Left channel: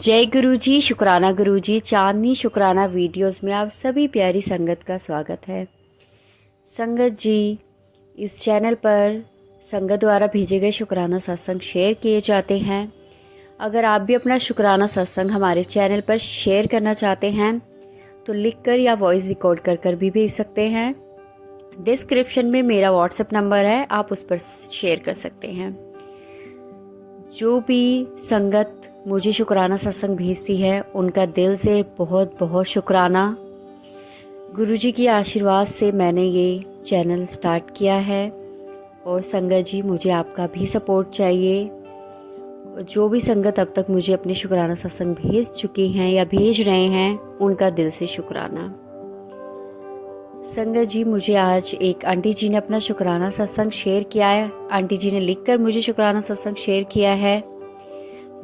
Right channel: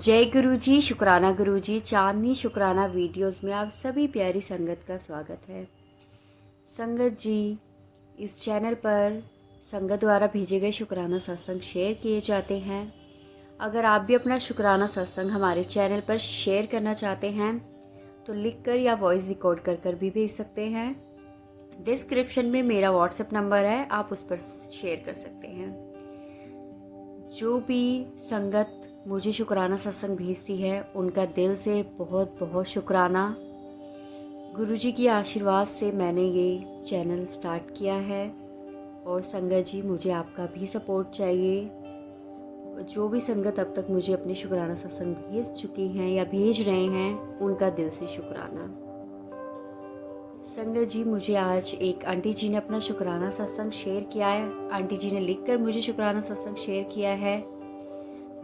जय गुरु जी, शुक्राना गुरु जी। चांदनी शुक्राना वीडियोस में आप सभी प्यारी संगत का स्वागत है। संगत जी, इस चैनल पर संगत द्वारा भेजे गए शुक्राना सत्संग शेयर किए जाते हैं। अगर आप भी अपना शुक्राना सत्संग हमारे चैनल पर शेयर करना चाहते हैं तो लिखकर या वॉइस रिकॉर्ड कर भी भेज सकते हैं। डिस्क्रिप्शन में मेरा व्हाट्सएप नंबर है, आप उस पर शेयर कर सकते हैं। जो भी संगत मुझे शुक्राना सत्संग भेजती है उनका दिल से बहुत बहुत शुक्राना। गुरुजी की आशीर्वाद से मैंने ये चैनल स्टार्ट किया है और संगत जी, मुझे आपका भी सपोर्ट चाहिए। जो भी संगत अब तक मुझे अपने शुक्राना सत्संग भेज चुके हैं या भेज रहे हैं उनका दिल से शुक्राना। संगत जी, मुझे आज एक आंटी जी ने अपना शुक्राना सत्संग शेयर किया है। आंटी जी ने लिखकर मुझे शुक्राना सत्संग शेयर किया है।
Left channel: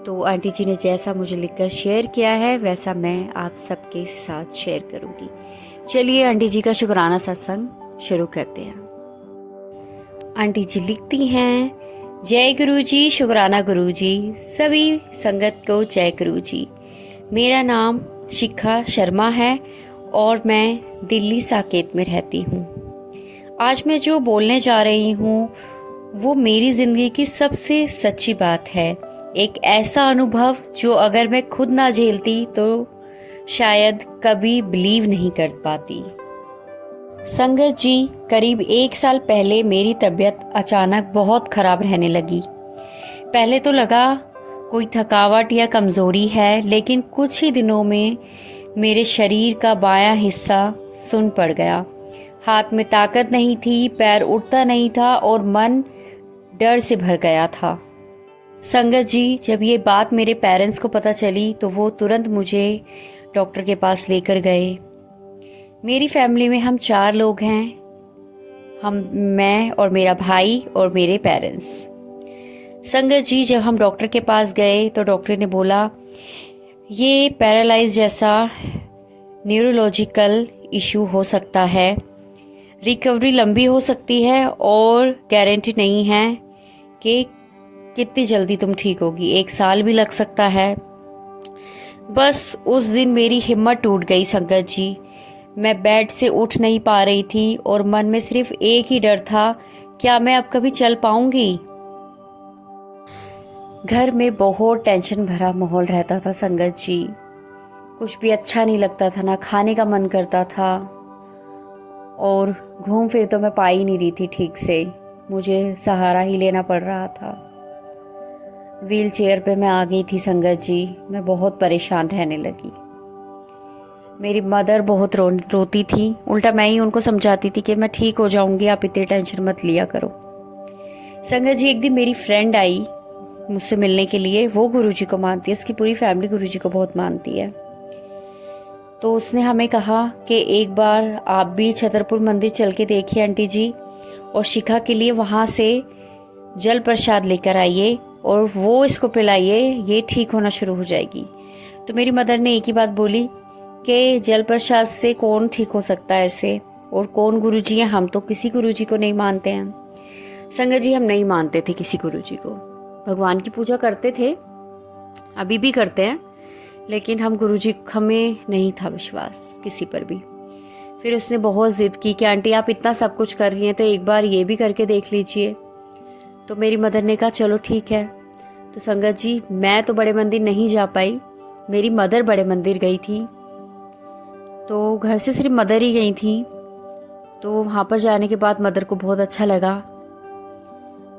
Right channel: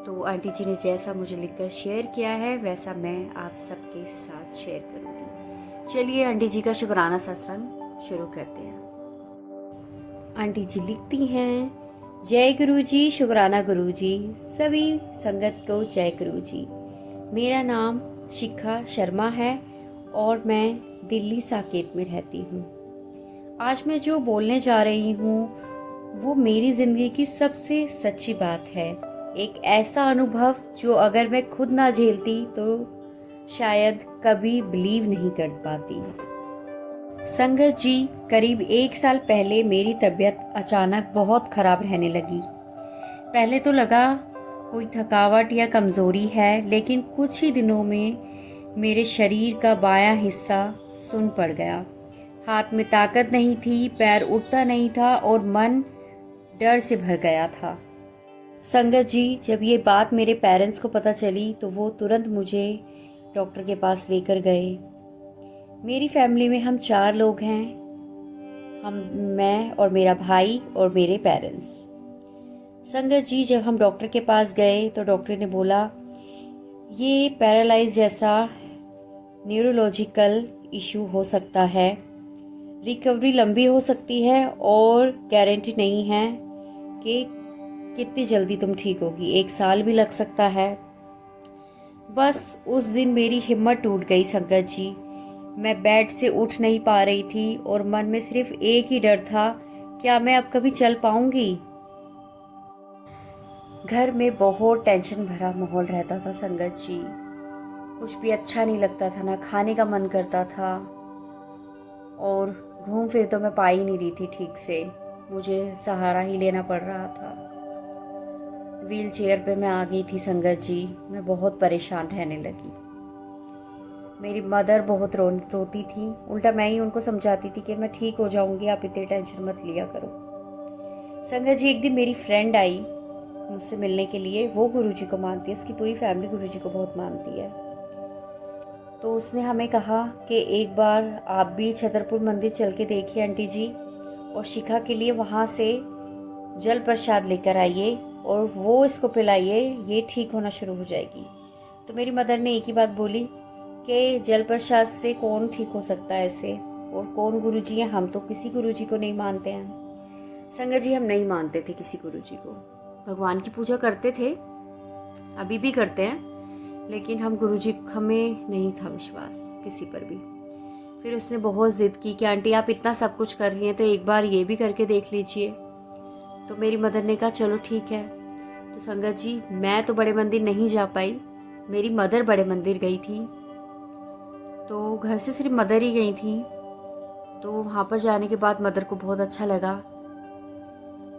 तो आंटी जी ने जैसा मुझे लिखकर शेयर किया है वैसा मैं आप सबके साथ शेयर करूंगी। चलिए आंटी जी का शुक्राना सत्संग शुरू करते हैं। आंटी जी लिखती हैं, जय गुरु जी, शुक्राना गुरु जी, सभी संगत को जय गुरु जी। मेरा नाम शिखा शर्मा है और मैं दिल्ली साकेत में रहती हूँ। आज मैं जो बोलने जा रही हूँ वो मेरी ज़िंदगी की सबसे सच्ची बात है। एक ऐसा अनुभव जो अगर मैं खुद ना झेलती तो शायद कभी बिलीव नहीं कर पाती। संगत जी, करीब 1 साल पहले मेरी तबीयत अचानक बहुत खराब रहने लगी। पहले तो लगा कोई थकावट या कमज़ोरी है, लेकिन कुछ ही दिनों में मेरे शरीर का बायां हिस्सा सुन्न पड़ गया। हाथ में ताकत नहीं थी, पैर उठता नहीं था और मन डर से भर गया था। संगत जी, जब ये बात मेरे पेरेंट्स को पता चली तो वो तुरंत मुझे डॉक्टर के पास लेकर गए। मेरी फैमिली में हम 4 लोग हैं, मैं और मेरा भाई और मेरे पेरेंट्स। संगत जी, जब हम डॉक्टर के पास गए तो डॉक्टर ने बोला ये पैरालाइज जैसा न्यूरोलॉजिकल इशू हो सकता है, रिकवरी लंबी हो सकती है और गारंटी नहीं है कि कितनी जल्दी तुम ठीक होगी, 1 साल भी लग सकता है। बस उस दिन मेरी हिम्मत टूट गई संगत जी। मैं बेड से उठ नहीं पा रही थी और मन में सिर्फ एक ही डर था, क्या मैं अब कभी चल पाऊंगी। घर में बहुत टेंशन भरा माहौल रहता था संगत जी। कुछ भी अच्छा नहीं लगता था, ना खाने का मन करता था और घूम फिर तो मैं पा ही नहीं रही थी ठीक से। मुझे सहारा ही लेना पड़ रहा था। व्हील चेयर पे मैं आ गई थी संगत जी। मैं बहुत परेशान रहने लगी। मेरी मदर बहुत रोती थी। उल्टा मैं ही उनको समझाती थी कि मैं ठीक हो जाऊंगी, आप इतनी टेंशन मत लिया करो। संगत जी, एक दिन मेरी फ्रेंड आई मुझसे मिलने के लिए। वो गुरुजी को मानती है, उसकी पूरी फैमिली गुरुजी को बहुत मानती है। तो उसने हमें कहा कि एक बार आप भी छतरपुर मंदिर चल के देखिए आंटी जी, और शिखा के लिए वहाँ से जल प्रसाद लेकर आइए और वो इसको पिलाइए, ये ठीक होना शुरू हो जाएगी। तो मेरी मदर ने एक ही बात बोली कि जल प्रसाद से कौन ठीक हो सकता है ऐसे, और कौन गुरुजी हैं, हम तो किसी गुरुजी को नहीं मानते हैं। संगत जी, हम नहीं मानते थे किसी गुरुजी को। भगवान की पूजा करते थे, अभी भी करते हैं, लेकिन हम गुरुजी, हमें नहीं था विश्वास किसी पर भी। फिर उसने बहुत जिद की कि आंटी आप इतना सब कुछ कर रही हैं तो एक बार ये भी करके देख लीजिए। तो मेरी मदर ने कहा चलो ठीक है। तो संगत जी, मैं तो बड़े मंदिर नहीं जा पाई, मेरी मदर बड़े मंदिर गई थी। तो घर से सिर्फ मदर ही गई थी। तो वहाँ पर जाने के बाद मदर को बहुत अच्छा लगा।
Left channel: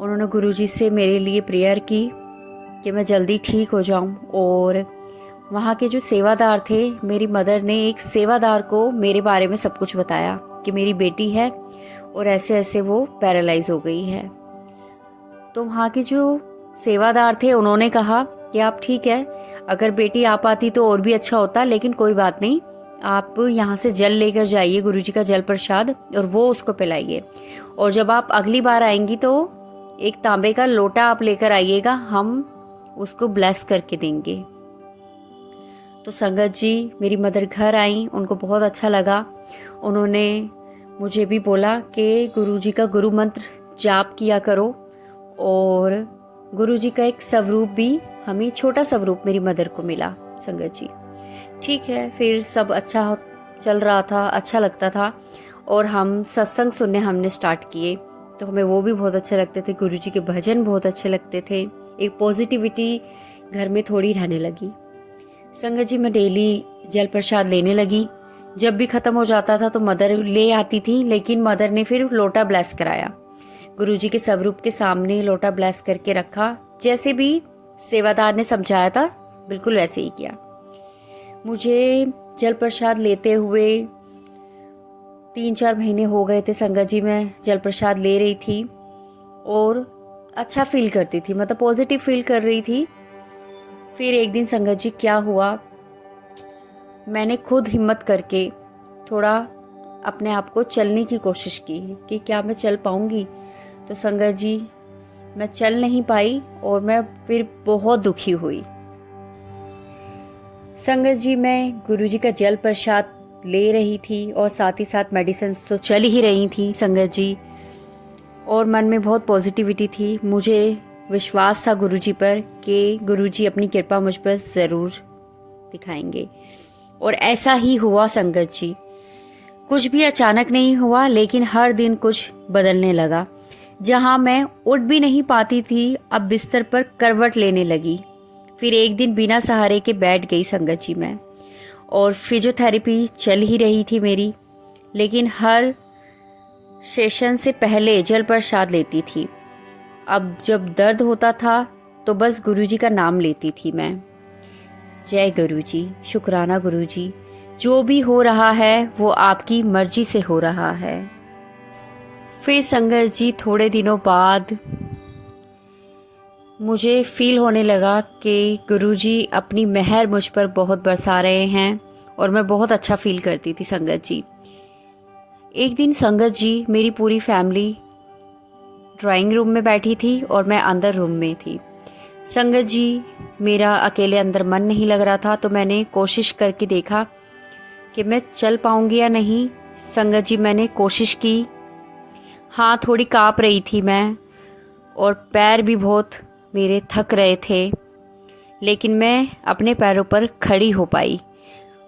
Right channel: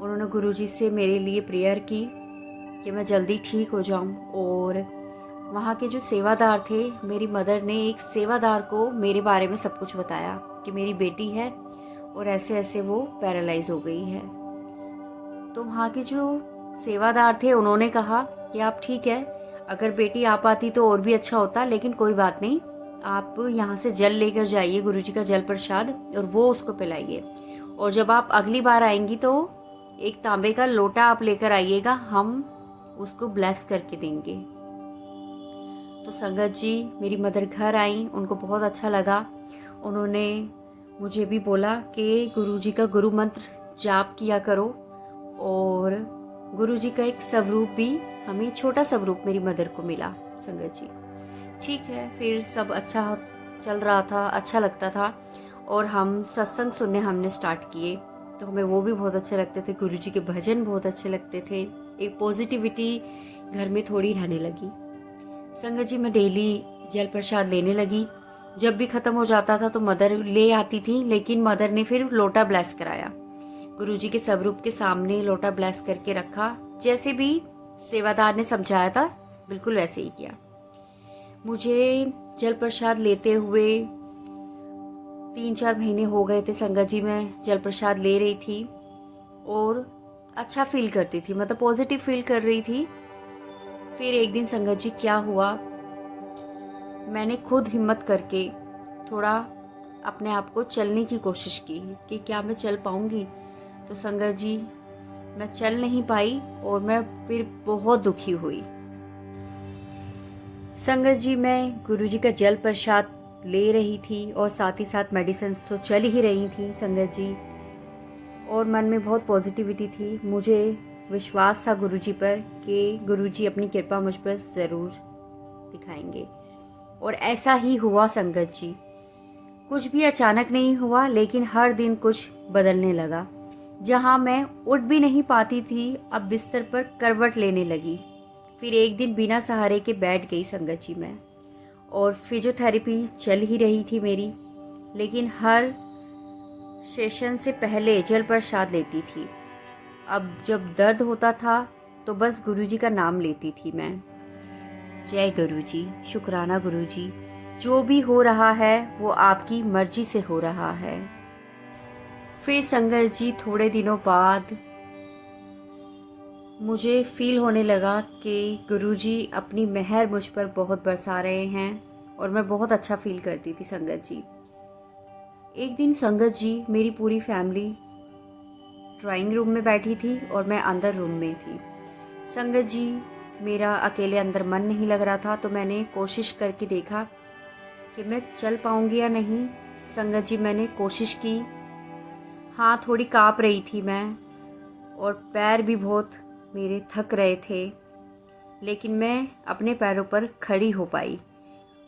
उन्होंने गुरुजी से मेरे लिए प्रेयर की कि मैं जल्दी ठीक हो जाऊं। और वहाँ के जो सेवादार थे, मेरी मदर ने एक सेवादार को मेरे बारे में सब कुछ बताया कि मेरी बेटी है और ऐसे ऐसे वो पैरालाइज हो गई है। तो वहाँ के जो सेवादार थे उन्होंने कहा कि आप ठीक है, अगर बेटी आ पाती तो और भी अच्छा होता, लेकिन कोई बात नहीं, आप यहाँ से जल लेकर जाइए, गुरुजी का जल प्रसाद, और वो उसको पिलाइए। और जब आप अगली बार आएंगी तो एक तांबे का लोटा आप लेकर आइएगा, हम उसको ब्लेस करके देंगे। तो संगत जी, मेरी मदर घर आई, उनको बहुत अच्छा लगा। उन्होंने मुझे भी बोला कि गुरुजी का गुरु मंत्र जाप किया करो और गुरुजी का एक स्वरूप भी हमें, छोटा स्वरूप मेरी मदर को मिला संगत जी। ठीक है, फिर सब अच्छा चल रहा था, अच्छा लगता था और हम सत्संग सुनने हमने स्टार्ट किए, तो हमें वो भी बहुत अच्छे लगते थे। गुरुजी के भजन बहुत अच्छे लगते थे। एक पॉजिटिविटी घर में थोड़ी रहने लगी। संगत जी, मैं डेली जल प्रसाद लेने लगी। जब भी खत्म हो जाता था तो मदर ले आती थी, लेकिन मदर ने फिर लोटा ब्लेस कराया। गुरुजी के स्वरूप के सामने लोटा ब्लेस करके रखा, जैसे भी सेवादार ने समझाया था बिल्कुल वैसे ही किया। मुझे जल प्रसाद लेते हुए 3-4 महीने हो गए थे संगत जी। मैं जल प्रसाद ले रही थी और अच्छा फील करती थी, मतलब पॉजिटिव फील कर रही थी। फिर एक दिन संगत जी क्या हुआ, मैंने खुद हिम्मत करके थोड़ा अपने आप को चलने की कोशिश की कि क्या मैं चल पाऊंगी। तो संगत जी, मैं चल नहीं पाई और मैं फिर बहुत दुखी हुई। संगत जी, मैं गुरुजी का जल प्रसाद ले रही थी और साथ ही साथ मेडिसिन तो चल ही रही थी संगत जी, और मन में बहुत पॉजिटिविटी थी। मुझे विश्वास था गुरुजी पर कि गुरुजी अपनी कृपा मुझ पर ज़रूर दिखाएंगे, और ऐसा ही हुआ संगत जी। कुछ भी अचानक नहीं हुआ, लेकिन हर दिन कुछ बदलने लगा। जहां मैं उठ भी नहीं पाती थी, अब बिस्तर पर करवट लेने लगी। फिर एक दिन बिना सहारे के बैठ गई संगत जी मैं, और फिजियोथेरेपी चल ही रही थी मेरी, लेकिन हर सेशन से पहले जल प्रसाद लेती थी। अब जब दर्द होता था तो बस गुरुजी का नाम लेती थी मैं। जय गुरुजी, शुक्राना गुरुजी, जो भी हो रहा है वो आपकी मर्जी से हो रहा है। फिर संगत जी थोड़े दिनों बाद मुझे फील होने लगा कि गुरुजी अपनी मेहर मुझ पर बहुत बरसा रहे हैं, और मैं बहुत अच्छा फील करती थी संगत जी। एक दिन संगत जी, मेरी पूरी फैमिली ड्राइंग रूम में बैठी थी और मैं अंदर रूम में थी। संगत जी, मेरा अकेले अंदर मन नहीं लग रहा था, तो मैंने कोशिश करके देखा कि मैं चल पाऊंगी या नहीं। संगत जी, मैंने कोशिश की। हाँ, थोड़ी काँप रही थी मैं और पैर भी बहुत मेरे थक रहे थे, लेकिन मैं अपने पैरों पर खड़ी हो पाई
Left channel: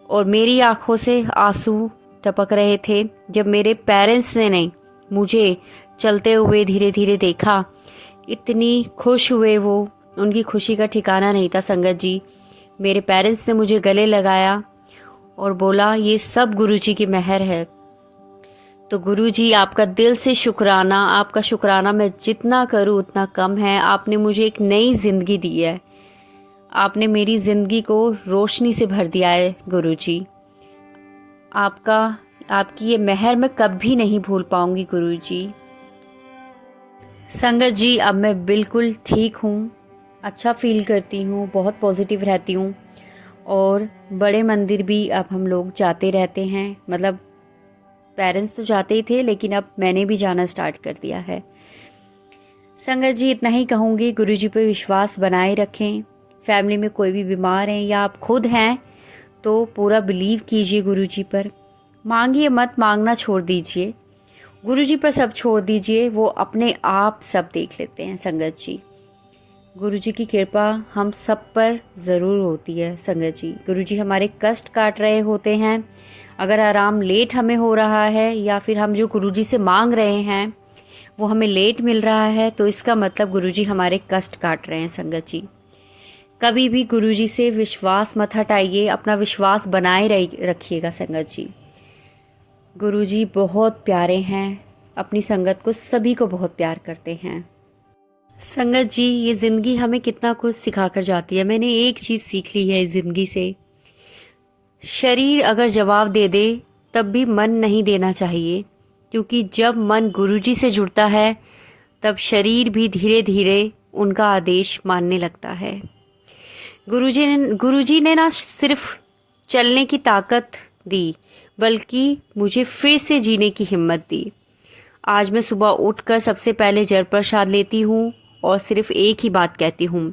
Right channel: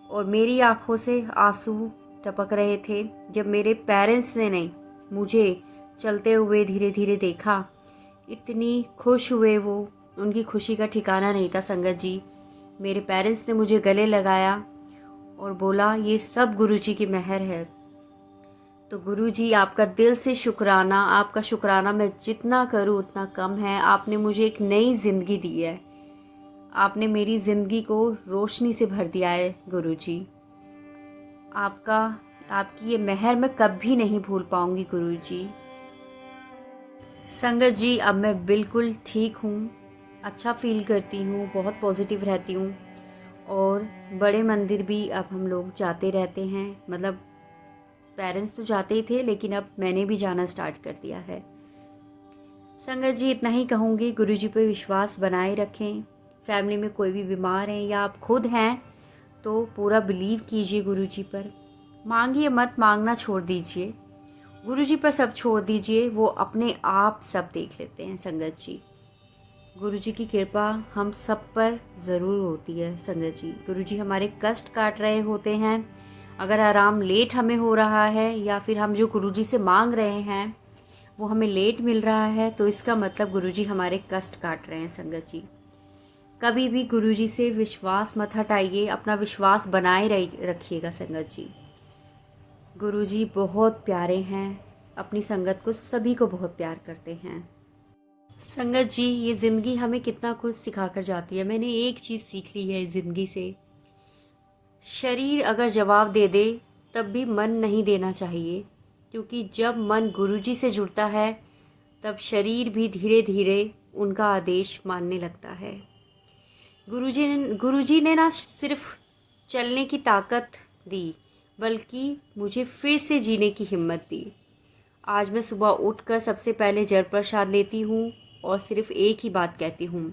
और मेरी आंखों से आंसू टपक रहे थे जब मेरे पेरेंट्स ने मुझे चलते हुए धीरे धीरे देखा। इतनी खुश हुए वो, उनकी खुशी का ठिकाना नहीं था संगत जी। मेरे पेरेंट्स ने मुझे गले लगाया और बोला, ये सब गुरुजी की मेहर है। तो गुरुजी, आपका दिल से शुक्राना। आपका शुक्राना मैं जितना करूं उतना कम है। आपने मुझे एक नई ज़िंदगी दी है। आपने मेरी ज़िंदगी को रोशनी से भर दिया है गुरुजी। आपकी ये मेहर मैं कभी नहीं भूल पाऊंगी गुरुजी। संगत जी, अब मैं बिल्कुल ठीक हूँ, अच्छा फील करती हूँ, बहुत पॉजिटिव रहती हूँ, और बड़े मंदिर भी अब हम लोग जाते रहते हैं। मतलब पेरेंट्स तो जाते ही थे, लेकिन अब मैंने भी जाना स्टार्ट कर दिया है। संगत जी, इतना ही कहूँगी, गुरुजी पे विश्वास बनाए रखें। फैमिली में कोई भी बीमार है या आप खुद हैं तो पूरा बिलीव कीजिए गुरुजी पर। मांगिए मत, मांगना छोड़ दीजिए, गुरुजी पर सब छोड़ दीजिए, वो अपने आप सब देख लेते हैं संगत जी। गुरुजी की कृपा हम सब पर ज़रूर होती है संगत जी। गुरुजी हमारे कष्ट काट रहे होते हैं। अगर आराम लेट हमें हो रहा है या फिर हम जो गुरुजी से मांग रहे हैं वो हमें लेट मिल रहा है, तो इसका मतलब गुरुजी हमारे कष्ट काट रहे हैं संगत जी। कभी भी गुरुजी से विश्वास मत हटाइए, अपना विश्वास बनाए रखिएगा संगत जी। गुरुजी बहुत प्यारे हैं, अपनी संगत को, सभी को बहुत प्यार करते हैं। संगत जी, ये ज़िंदगी हमें कितना कुछ सिखा कर जाती है। मैंने एक चीज़ सीख ली है इस ज़िंदगी से, शरीर अगर जवाब दे दे तब भी मन नहीं देना चाहिए, क्योंकि जब मन गुरुजी से जुड़ता है तब शरीर भी धीरे धीरे उनका आदेश मानने लगता है। गुरुजी ने ना सिर्फ चलने की ताकत दी, बल्कि मुझे फिर से जीने की हिम्मत दी। आज मैं सुबह उठकर सबसे पहले जल प्रसाद लेती हूँ और सिर्फ एक ही बात कहती हूँ,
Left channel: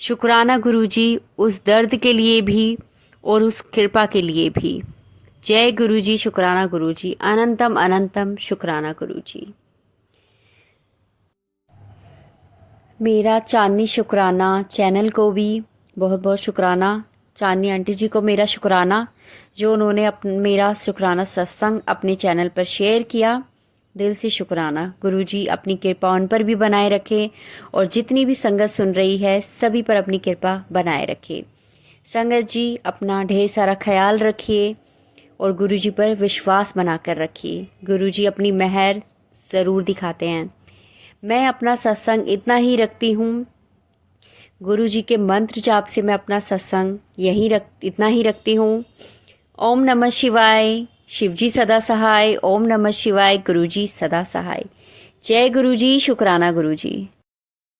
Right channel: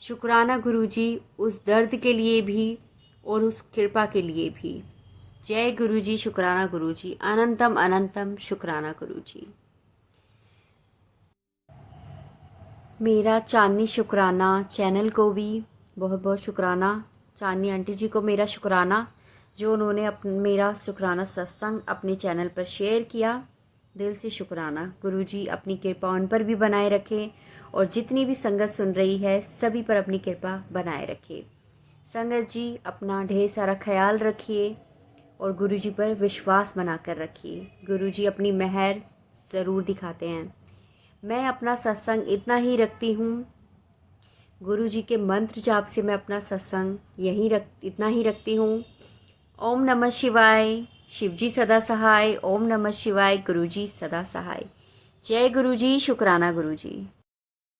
शुक्राना गुरुजी, उस दर्द के लिए भी और उस कृपा के लिए भी। जय गुरुजी, शुक्राना गुरुजी, अनंतम अनंतम शुक्राना गुरुजी। मेरा चांदनी शुक्राना चैनल को भी बहुत बहुत शुक्राना। चांदनी आंटी जी को मेरा शुक्राना, जो उन्होंने मेरा शुक्राना सत्संग अपने चैनल पर शेयर किया। दिल से शुक्राना। गुरुजी अपनी कृपा उन पर भी बनाए रखे और जितनी भी संगत सुन रही है सभी पर अपनी कृपा बनाए रखे। संगत जी अपना ढेर सारा ख्याल रखिए और गुरुजी पर विश्वास बनाकर रखिए। गुरुजी अपनी मेहर ज़रूर दिखाते हैं। मैं अपना सत्संग इतना ही रखती हूँ। गुरुजी के मंत्र जाप से मैं अपना सत्संग इतना ही रखती हूँ। ओम नमः शिवाय। शिवजी सदा सहाय। ओम नमः शिवाय। गुरुजी सदा सहाय। जय गुरुजी। शुक्राना गुरुजी।